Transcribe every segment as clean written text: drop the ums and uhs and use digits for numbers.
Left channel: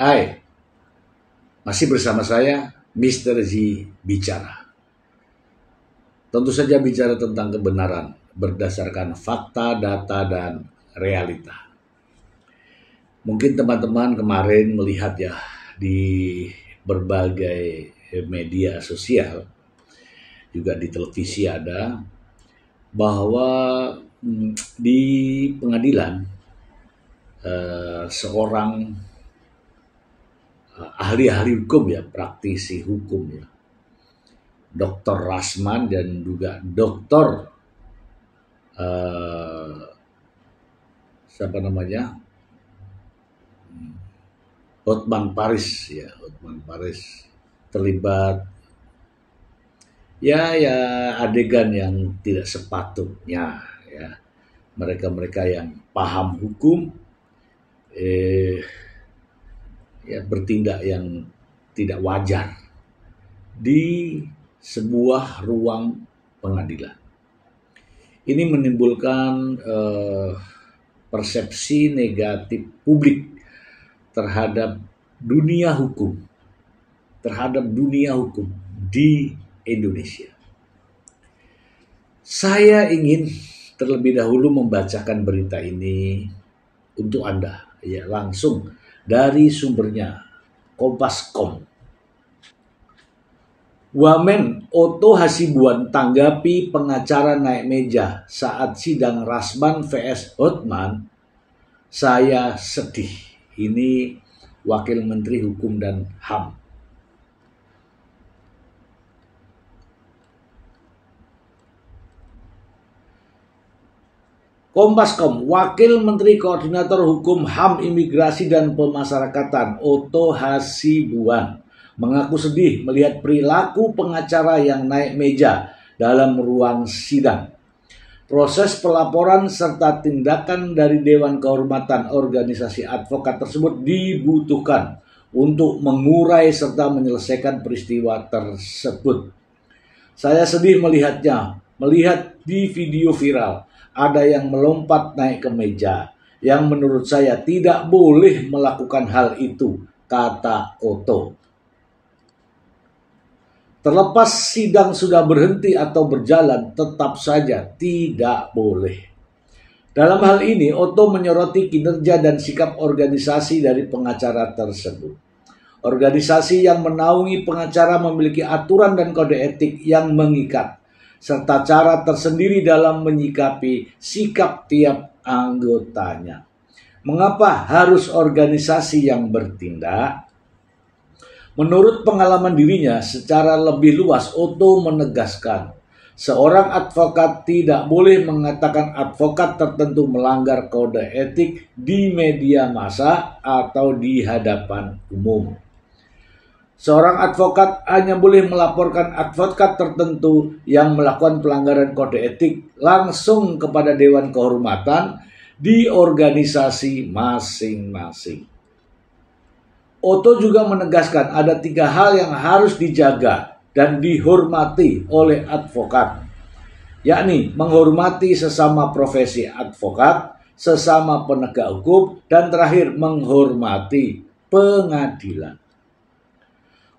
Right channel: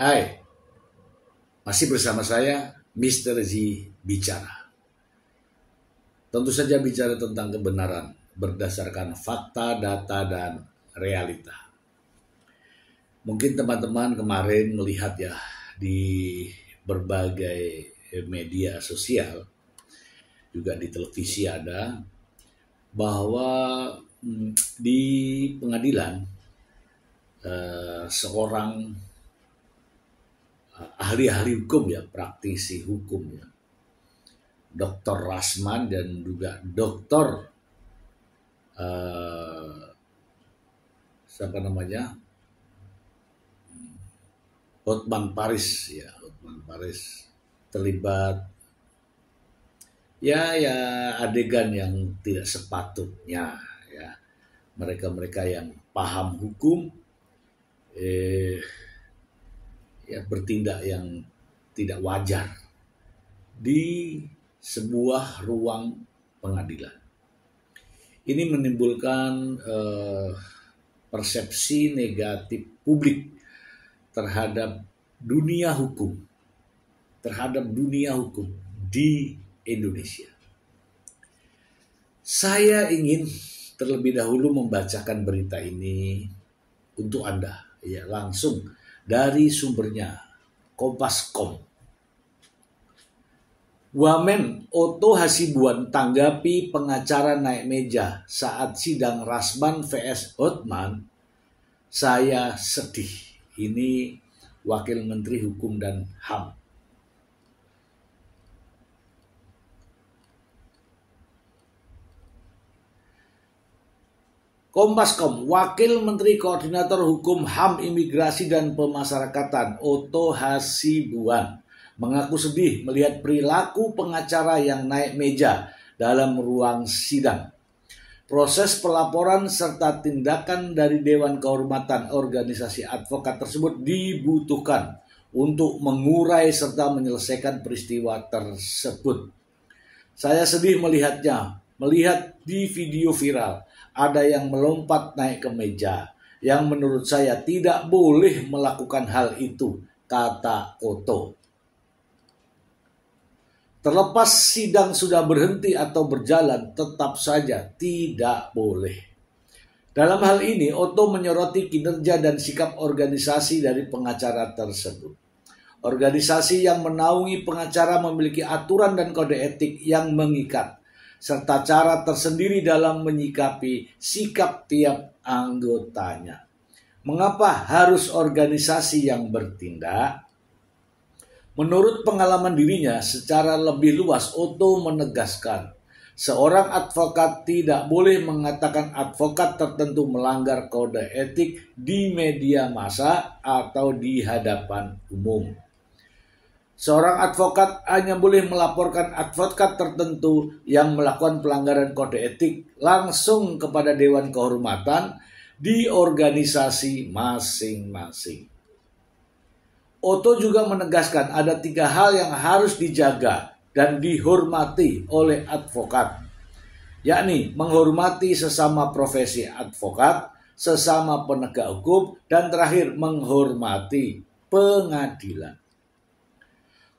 Hai, masih bersama saya, Mr. Z Bicara. Tentu saja bicara tentang kebenaran berdasarkan fakta, data, dan realita. Mungkin teman-teman kemarin melihat ya di berbagai media sosial, juga di televisi ada, bahwa di pengadilan seorang ahli-ahli hukum ya, praktisi hukum ya, Dr. Rasman dan juga Dr. Hotman Paris ya, Hotman Paris terlibat ya adegan yang tidak sepatutnya ya. Mereka yang paham hukum bertindak yang tidak wajar di sebuah ruang pengadilan. Ini menimbulkan persepsi negatif publik terhadap dunia hukum di Indonesia. Saya ingin terlebih dahulu membacakan berita ini untuk Anda ya, langsung dari sumbernya, Kompas.com. Wamen Oto Hasibuan tanggapi pengacara naik meja saat sidang Rasman vs Hotman. Saya sedih. Ini Wakil Menteri Hukum dan HAM. Kompas.com, Wakil Menteri Koordinator Hukum HAM Imigrasi dan Pemasyarakatan Oto Hasibuan mengaku sedih melihat perilaku pengacara yang naik meja dalam ruang sidang. Proses pelaporan serta tindakan dari Dewan Kehormatan Organisasi Advokat tersebut dibutuhkan untuk mengurai serta menyelesaikan peristiwa tersebut. Saya sedih melihat di video viral ada yang melompat naik ke meja, yang menurut saya tidak boleh melakukan hal itu, kata Oto. Terlepas sidang sudah berhenti atau berjalan, tetap saja tidak boleh. Dalam hal ini, Oto menyoroti kinerja dan sikap organisasi dari pengacara tersebut. Organisasi yang menaungi pengacara memiliki aturan dan kode etik yang mengikat, serta cara tersendiri dalam menyikapi sikap tiap anggotanya. Mengapa harus organisasi yang bertindak? Menurut pengalaman dirinya secara lebih luas, Oto menegaskan seorang advokat tidak boleh mengatakan advokat tertentu melanggar kode etik di media massa atau di hadapan umum. Seorang advokat hanya boleh melaporkan advokat tertentu yang melakukan pelanggaran kode etik langsung kepada Dewan Kehormatan di organisasi masing-masing. Oto juga menegaskan ada 3 hal yang harus dijaga dan dihormati oleh advokat, yakni menghormati sesama profesi advokat, sesama penegak hukum, dan terakhir menghormati pengadilan.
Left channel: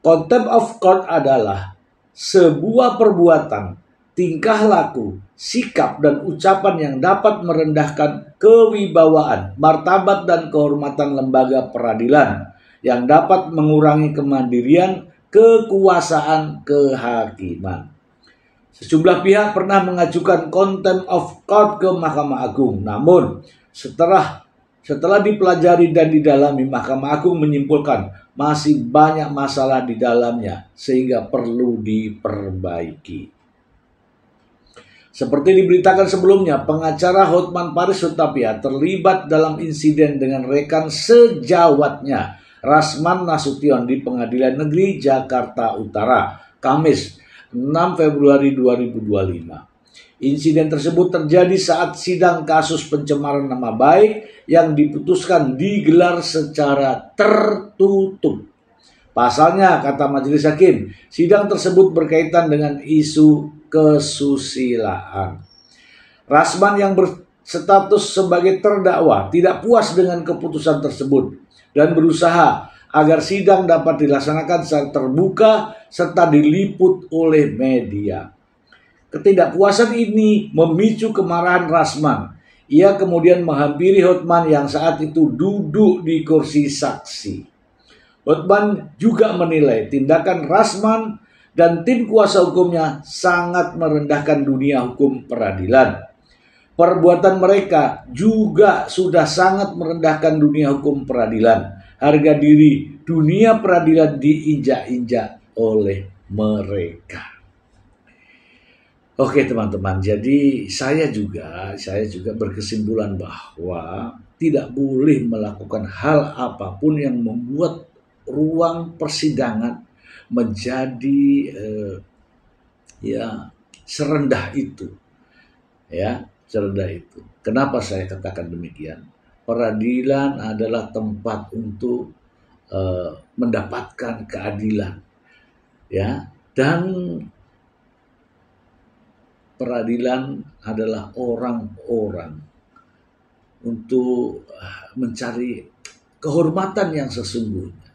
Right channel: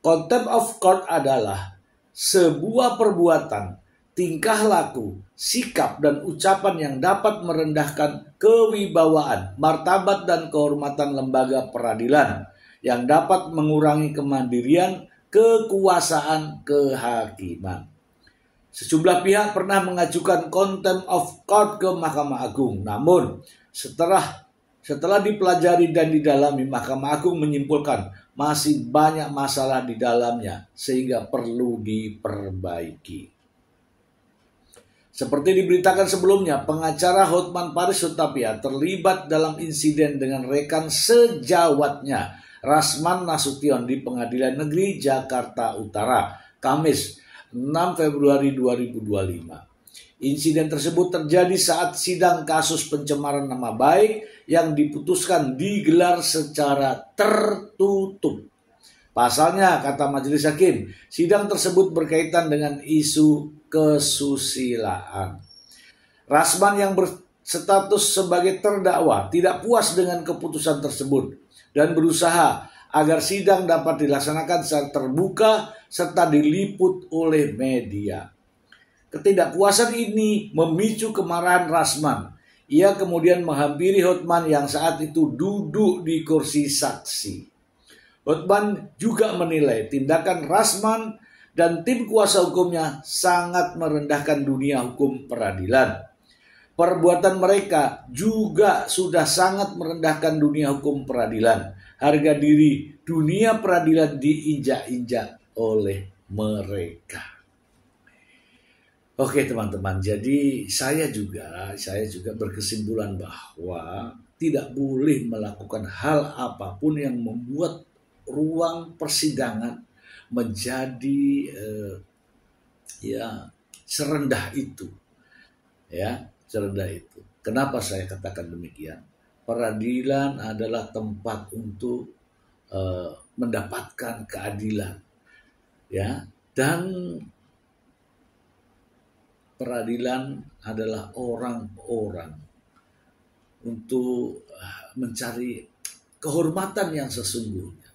Contempt of court adalah sebuah perbuatan, tingkah laku, sikap, dan ucapan yang dapat merendahkan kewibawaan, martabat, dan kehormatan lembaga peradilan, yang dapat mengurangi kemandirian, kekuasaan, kehakiman. Sejumlah pihak pernah mengajukan contempt of court ke Mahkamah Agung, namun setelah dipelajari dan didalami, Mahkamah Agung menyimpulkan masih banyak masalah di dalamnya sehingga perlu diperbaiki. Seperti diberitakan sebelumnya, pengacara Hotman Paris Hutapea terlibat dalam insiden dengan rekan sejawatnya Rasman Nasution di Pengadilan Negeri Jakarta Utara, Kamis 6 Februari 2025. Insiden tersebut terjadi saat sidang kasus pencemaran nama baik yang diputuskan digelar secara tertutup. Pasalnya, kata majelis hakim, sidang tersebut berkaitan dengan isu kesusilaan. Rasman yang berstatus sebagai terdakwa tidak puas dengan keputusan tersebut dan berusaha agar sidang dapat dilaksanakan secara terbuka serta diliput oleh media. Ketidakpuasan ini memicu kemarahan Rasman. Ia kemudian menghampiri Hotman yang saat itu duduk di kursi saksi. Hotman juga menilai tindakan Rasman dan tim kuasa hukumnya sangat merendahkan dunia hukum peradilan. Perbuatan mereka juga sudah sangat merendahkan dunia hukum peradilan. Harga diri dunia peradilan diinjak-injak oleh mereka. Oke teman-teman, jadi saya juga berkesimpulan bahwa tidak boleh melakukan hal apapun yang membuat ruang persidangan menjadi serendah itu. Serendah itu. Kenapa saya katakan demikian? Peradilan adalah tempat untuk mendapatkan keadilan, dan peradilan adalah orang-orang untuk mencari kehormatan yang sesungguhnya,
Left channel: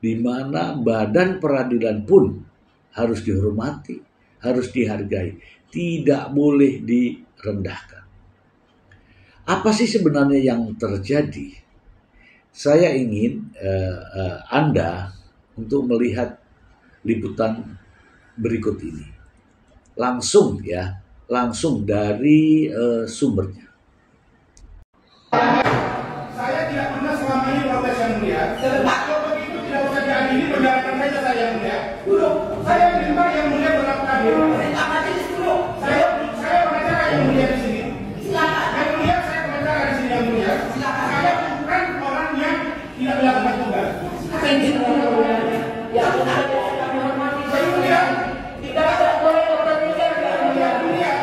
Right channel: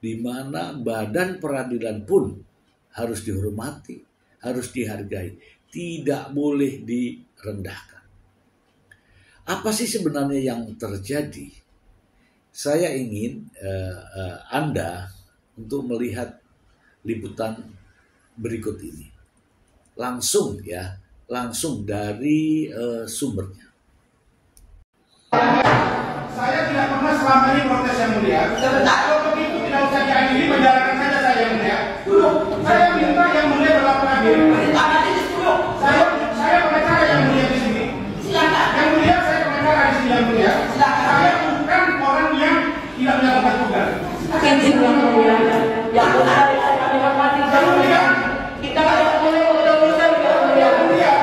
di mana badan peradilan pun harus dihormati, harus dihargai, tidak boleh direndahkan. Apa sih sebenarnya yang terjadi? Saya ingin Anda untuk melihat liputan berikut ini. Langsung dari sumbernya. Saya tidak pernah selama ini protes yang mulia. Kalau begitu tidak usah diadili, penjarakan saja saya yang mulia. Duduk. Saya minta yang mulia berlaku adil. Saya pengacara yang mulia di sini. Silakan. Yang mulia saya pengacara di sini yang mulia. Silakan. Saya bukan orang yang tidak punya tempat tinggal. Prinsip yang mulia. Yang kami hormati yang mulia. Kita tidak boleh meneruskan yang mulia.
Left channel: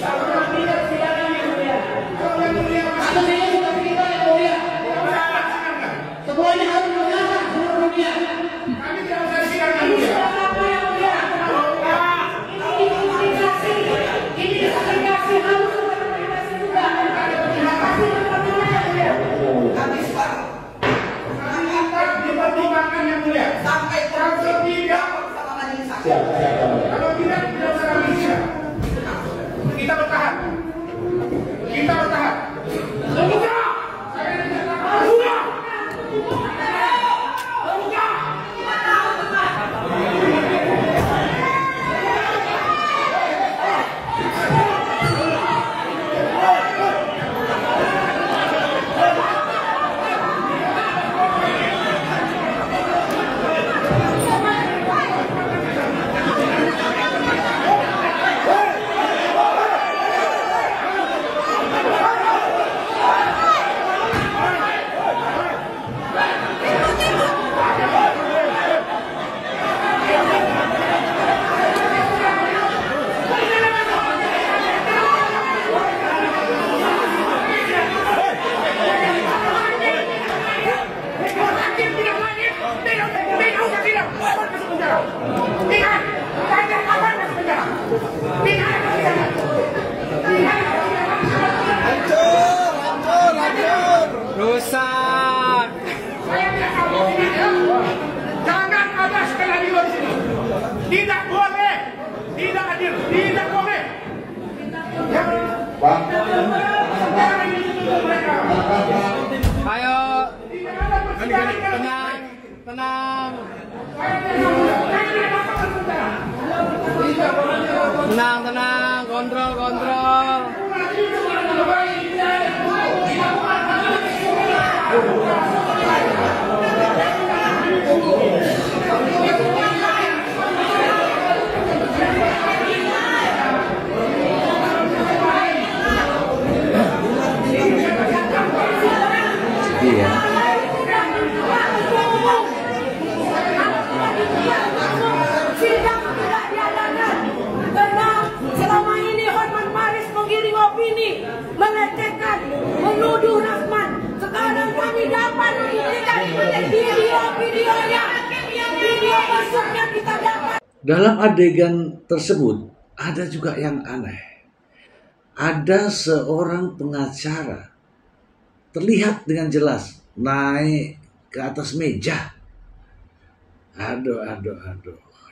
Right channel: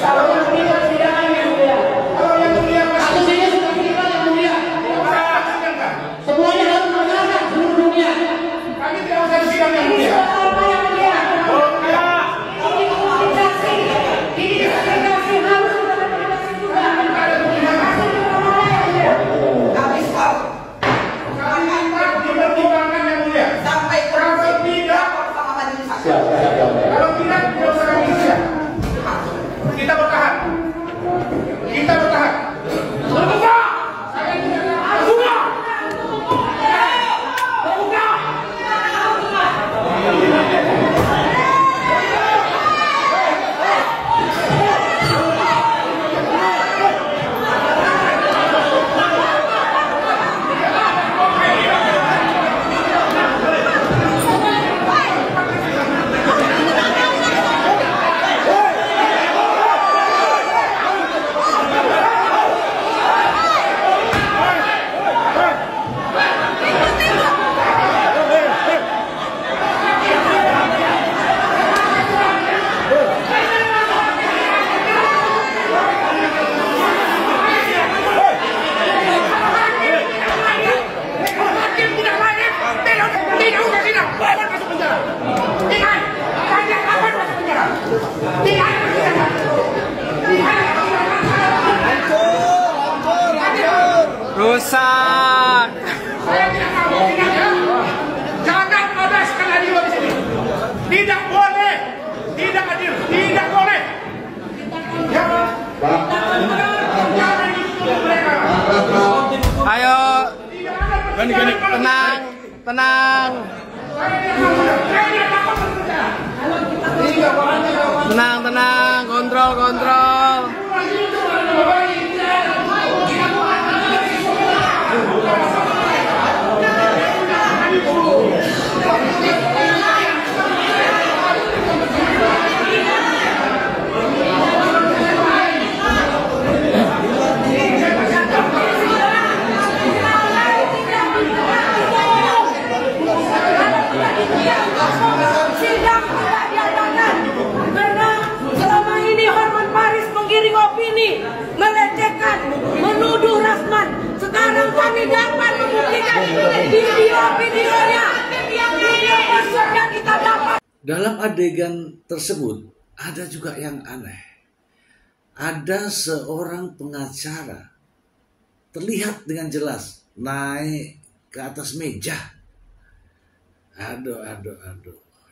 Kalau yang tidak silakan yang mulia. Kalau yang mulia Kasus ini sudah kita yang mulia. Semuanya harus mendengarkan seluruh dunia. kami tidak usah disidang yang mulia. Apa yang mulia? Ini komunikasi. Ini komunikasi harus komunikasi juga. Komunikasi bagaimana yang mulia? Kami minta dipertimbangkan yang mulia. Sampai Kalau tidak, sama majelis hakim. kalau tidak usah kami sidang. Kita bertahan. Terbuka. Saya tidak akan terbuka. Tidak usah sidang. Kapan masuk penjara? Ingat, kalian kapan masuk penjara? Tidak ada persidangan. Rusak. Saya tidak mau sidang ya. Jangan ada sekali lagi di sini. Tidak boleh. Tidak adil. Tidak boleh. Ya. Jangan ditutup mereka. Ayo, Tidak ada persidangan. tenang. Saya tidak takut masuk penjara. Tenang, kontrol. Sidang tidak diadakan karena selama ini Hotman Paris menggiring opini, melecehkan, menuduh Rasman. Sekarang kami dapat membuktikan video-videonya, video besarnya kita dapat. Dalam adegan tersebut ada juga yang aneh. Ada seorang pengacara terlihat dengan jelas naik ke atas meja Aduh.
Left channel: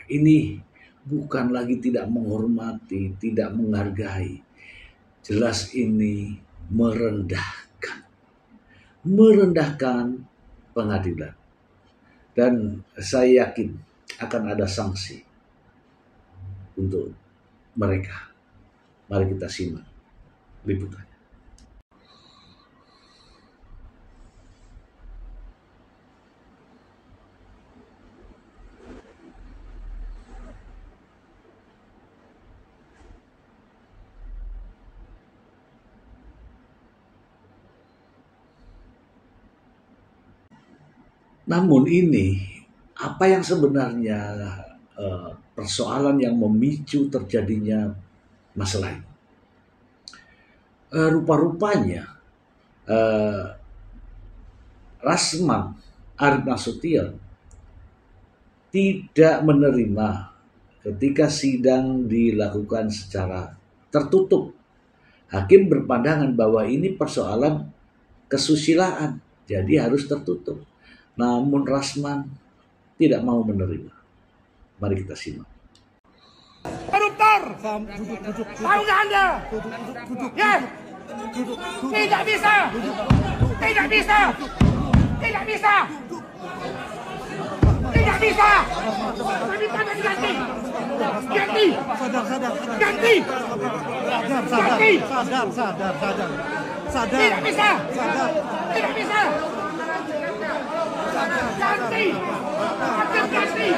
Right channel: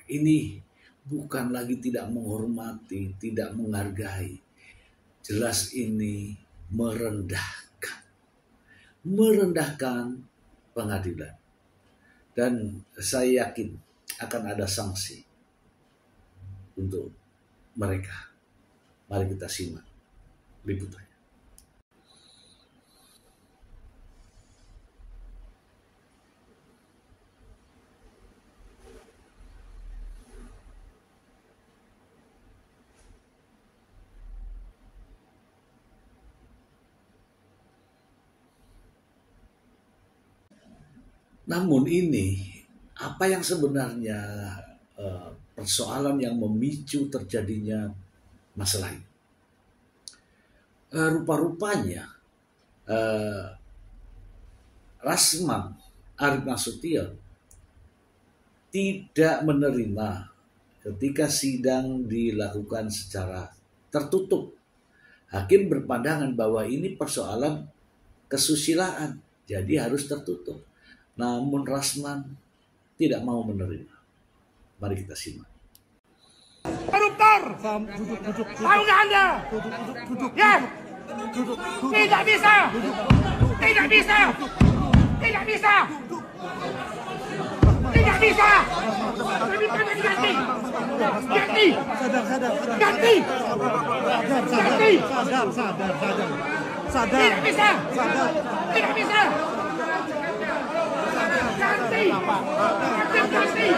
Ini bukan lagi tidak menghormati, tidak menghargai. Jelas ini merendahkan pengadilan. Dan saya yakin akan ada sanksi untuk mereka. Mari kita simak liputannya. Namun ini apa yang sebenarnya persoalan yang memicu terjadinya masalah ini? Rupa-rupanya Rasman Arief Nasution tidak menerima ketika sidang dilakukan secara tertutup. Hakim berpandangan bahwa ini persoalan kesusilaan, jadi harus tertutup. Namun Rasman tidak mau menerima. Mari kita simak. Koruptor! Tahu nggak Anda? Ya! Tidak bisa! Tidak bisa! Tidak bisa! Tidak bisa! Kami tangan ganti! Ganti! Ganti! Ganti! Sadar. Tidak bisa! Tidak bisa! Ganti! Ganti!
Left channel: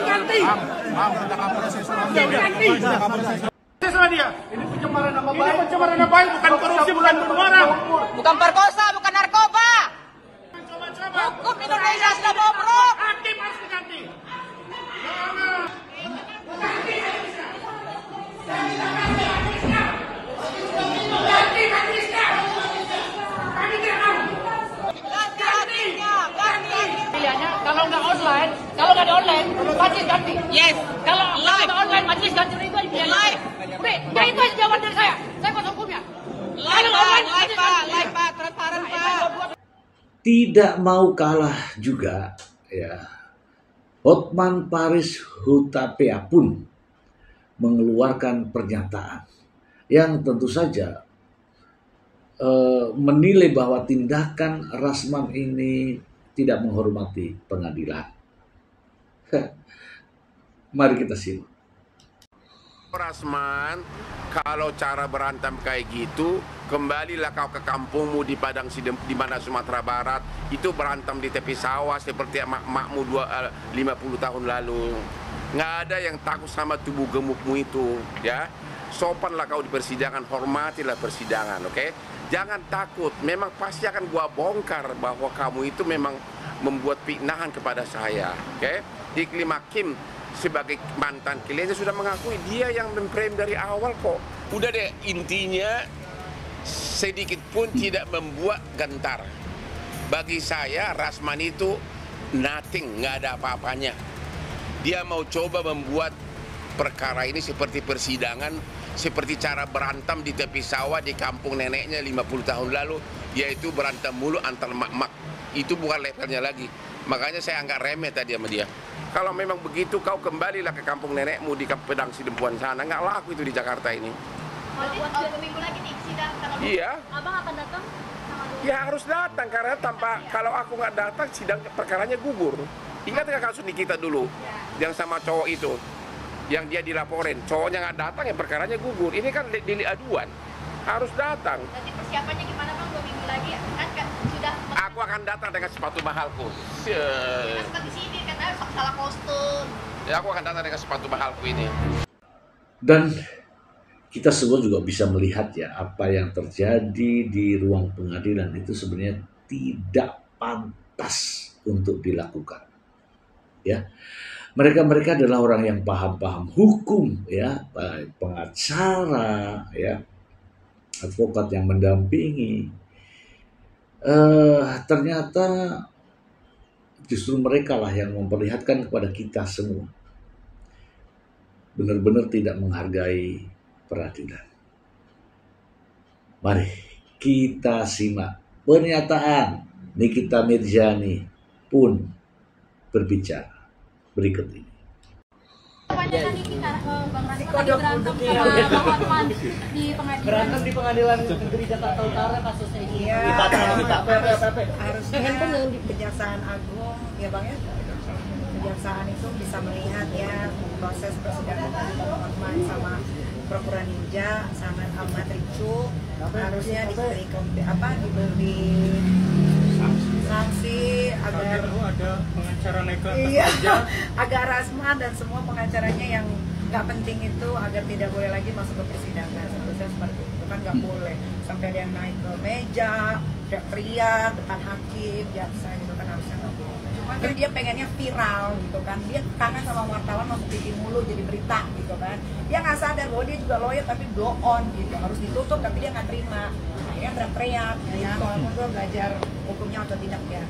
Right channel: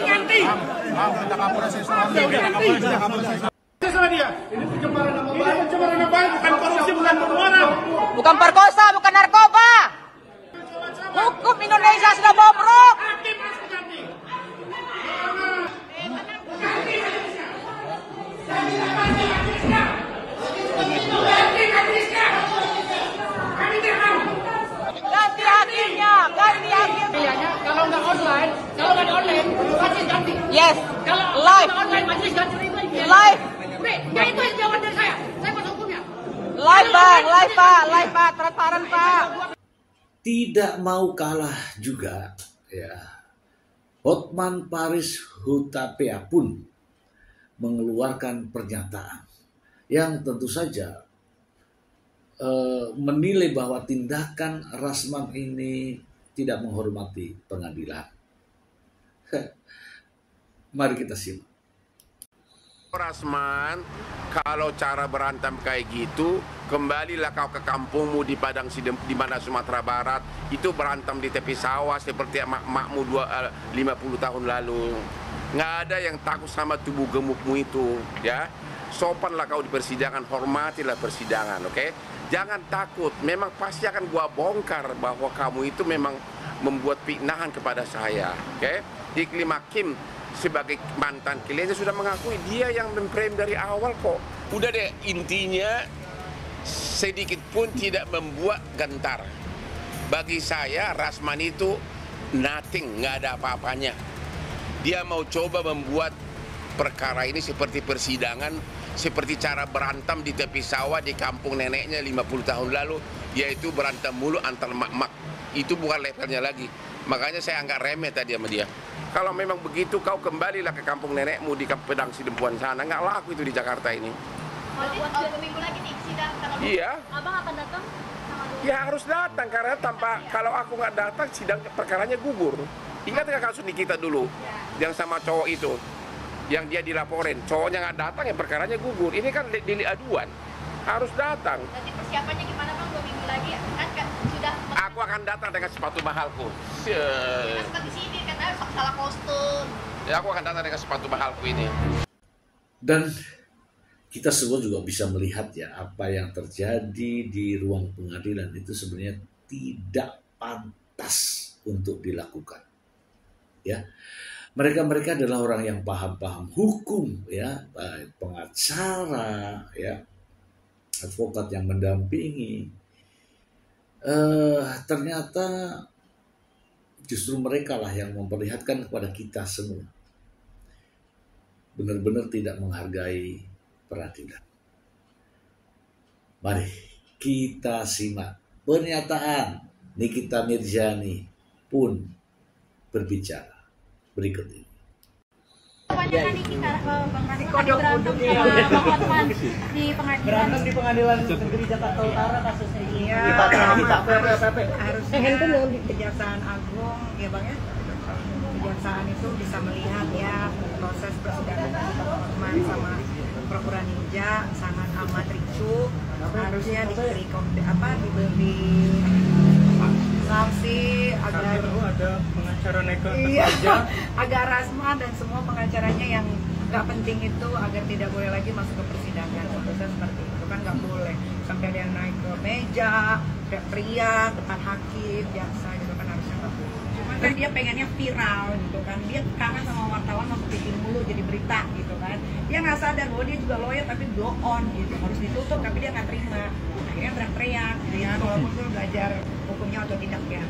Ganti! Ada proses Sama dia. Ini pencemaran nama baik. Ini pencemaran nama baik, bukan korupsi, bukan bunuh orang. Bukan perkosa, bukan narkoba. Hukum Indonesia sudah bobrok. Hakim harus diganti. Ganti hakimnya. Kami tidak mau. Ganti hakimnya. Ganti. Pilihannya kalau nggak di online, majelis ganti. Yes. Kalau Live. nggak online, majelis ganti itu pilihan. Live. Ya itu jawaban dari saya. Saya kuasa hukumnya. Live Pak, transparan Pak. Tidak mau kalah juga ya. Hotman Paris Hutapea pun mengeluarkan pernyataan yang tentu saja menilai bahwa tindakan Rasman ini tidak menghormati pengadilan. Mari kita simak. Rasman, kalau cara berantem kayak gitu, kembalilah kau ke kampungmu di Padang di mana Sumatera Barat. Itu berantem di tepi sawah seperti makmu 50 tahun lalu. Nggak ada yang takut sama tubuh gemukmu itu, ya. Sopanlah kau di persidangan, hormatilah persidangan, oke? Jangan takut, memang pasti akan gua bongkar bahwa kamu itu memang membuat fitnahan kepada saya, oke? Iklim Hakim sebagai mantan kliennya sudah mengakui dia yang memframe dari awal kok. Udah deh, intinya sedikit pun tidak membuat gentar. Bagi saya Rasman itu nothing, nggak ada apa-apanya. Dia mau coba membuat perkara ini seperti persidangan, seperti cara berantem di tepi sawah di kampung neneknya 50 tahun lalu, yaitu berantem mulu antar mak-mak. Itu bukan levelnya lagi. Makanya saya anggap remeh tadi sama dia. Kalau memang begitu, kau kembalilah ke kampung nenekmu di Pedang Sidempuan sana. Nggak laku itu di Jakarta ini. Berarti 2 minggu lagi nih sidang tanggal 20. Iya. Abang akan datang? Ya harus datang, karena kalau aku nggak datang, sidang perkaranya gugur. Ingat nggak kasus Nikita dulu? Yang sama cowok itu. Yang dia dilaporin. Cowoknya nggak datang, ya perkaranya gugur. Ini kan delik aduan. Harus datang. Nanti persiapannya gimana bang? 2 minggu lagi ya? Kan sudah... Aku akan datang dengan sepatu mahalku. Masuk di sini kan salah kostum. Ya, aku akan datang dengan sepatu mahalku ini. Dan kita semua juga bisa melihat ya apa yang terjadi di ruang pengadilan itu sebenarnya tidak pantas untuk dilakukan. Ya, mereka adalah orang yang paham hukum, ya, pengacara, ya, advokat yang mendampingi. Ternyata justru mereka lah yang memperlihatkan kepada kita semua benar-benar tidak menghargai peradilan. Mari kita simak pernyataan Nikita Mirzani pun berbicara berikut ini. Kebanyakan ini Bang Rasa tadi berantem sama Bang Hotman di pengadilan. Berantem di pengadilan negeri Jakarta Utara kasusnya ini. Iya, harusnya Kejaksaan Agung ya Bang ya. Kejaksaan itu bisa melihat ya proses persidangan Bang Hotman sama Pura-Pura Ninja sangat amat ricuh. Harusnya diberi sanksi agar ada pengacara naik ke atas meja, agar Rasma dan semua pengacaranya yang nggak penting itu agar tidak boleh lagi masuk ke persidangan. Seharusnya seperti itu kan nggak boleh sampai ada yang naik ke meja, teriak-teriak depan hakim, jaksa gitu kan harusnya nggak boleh. Cuman kan dia pengennya viral gitu kan, dia kangen sama wartawan masuk TV mulu jadi berita gitu kan. Dia nggak sadar bahwa dia juga lawyer tapi blow on gitu, harus ditutup tapi dia nggak terima. Akhirnya teriak-teriak ya, walaupun gue belajar hukumnya otodidak ya.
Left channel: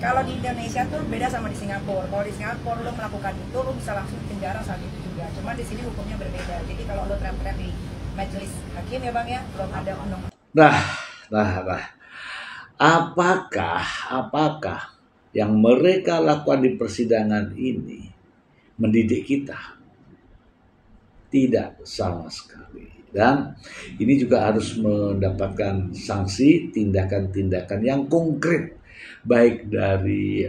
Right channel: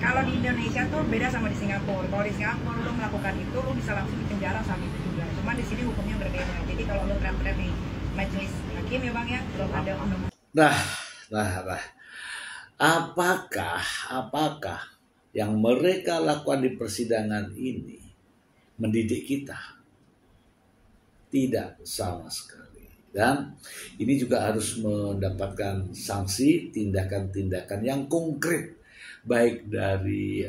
Kalau di Indonesia tuh beda sama di Singapura. Kalau di Singapura lo melakukan itu lo bisa langsung dipenjara saat itu juga. Cuman di sini hukumnya berbeda. Jadi kalau lo teriak-teriak di majelis hakim ya Bang ya, belum ada undang. Nah. Apakah yang mereka lakukan di persidangan ini mendidik kita? Tidak sama sekali. Dan ini juga harus mendapatkan sanksi, tindakan-tindakan yang konkret, baik dari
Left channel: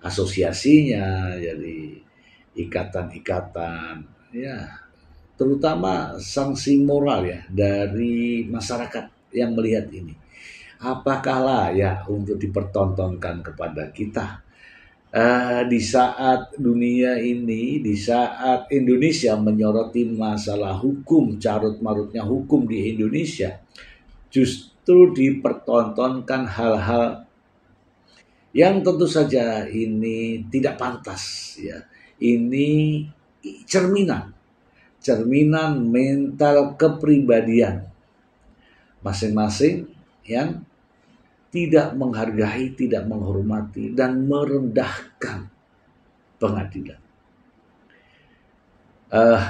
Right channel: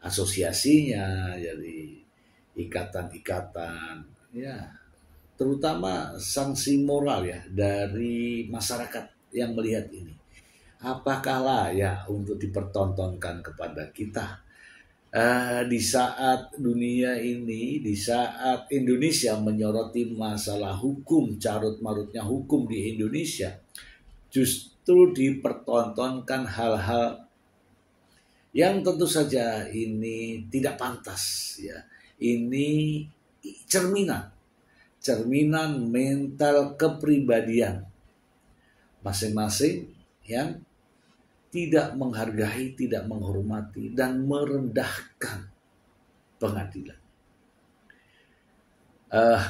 asosiasinya, jadi ikatan-ikatan, ya, terutama sanksi moral ya dari masyarakat yang melihat ini. Apakah layak untuk dipertontonkan kepada kita? Di saat dunia ini, di saat Indonesia menyoroti masalah hukum, carut-marutnya hukum di Indonesia, justru dipertontonkan hal-hal yang tentu saja ini tidak pantas ya. Ini cerminan mental kepribadian masing-masing yang tidak menghargai, tidak menghormati, dan merendahkan pengadilan.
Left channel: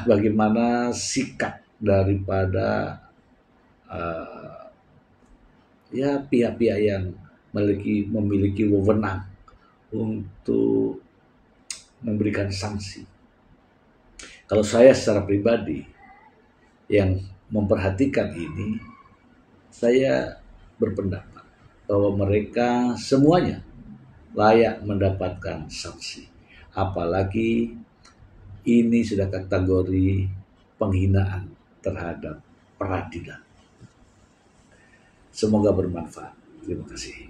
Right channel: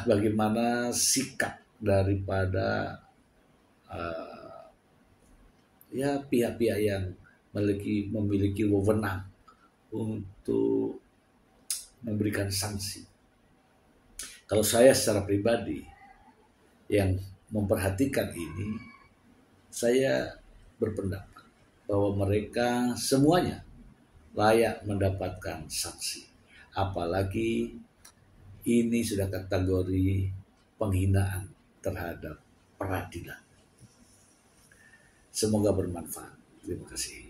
Bagaimana sikap daripada pihak-pihak yang memiliki wewenang untuk memberikan sanksi. Kalau saya secara pribadi yang memperhatikan ini, saya berpendapat bahwa mereka semuanya layak mendapatkan sanksi. Apalagi ini sudah kategori penghinaan terhadap peradilan. Semoga bermanfaat. Terima kasih.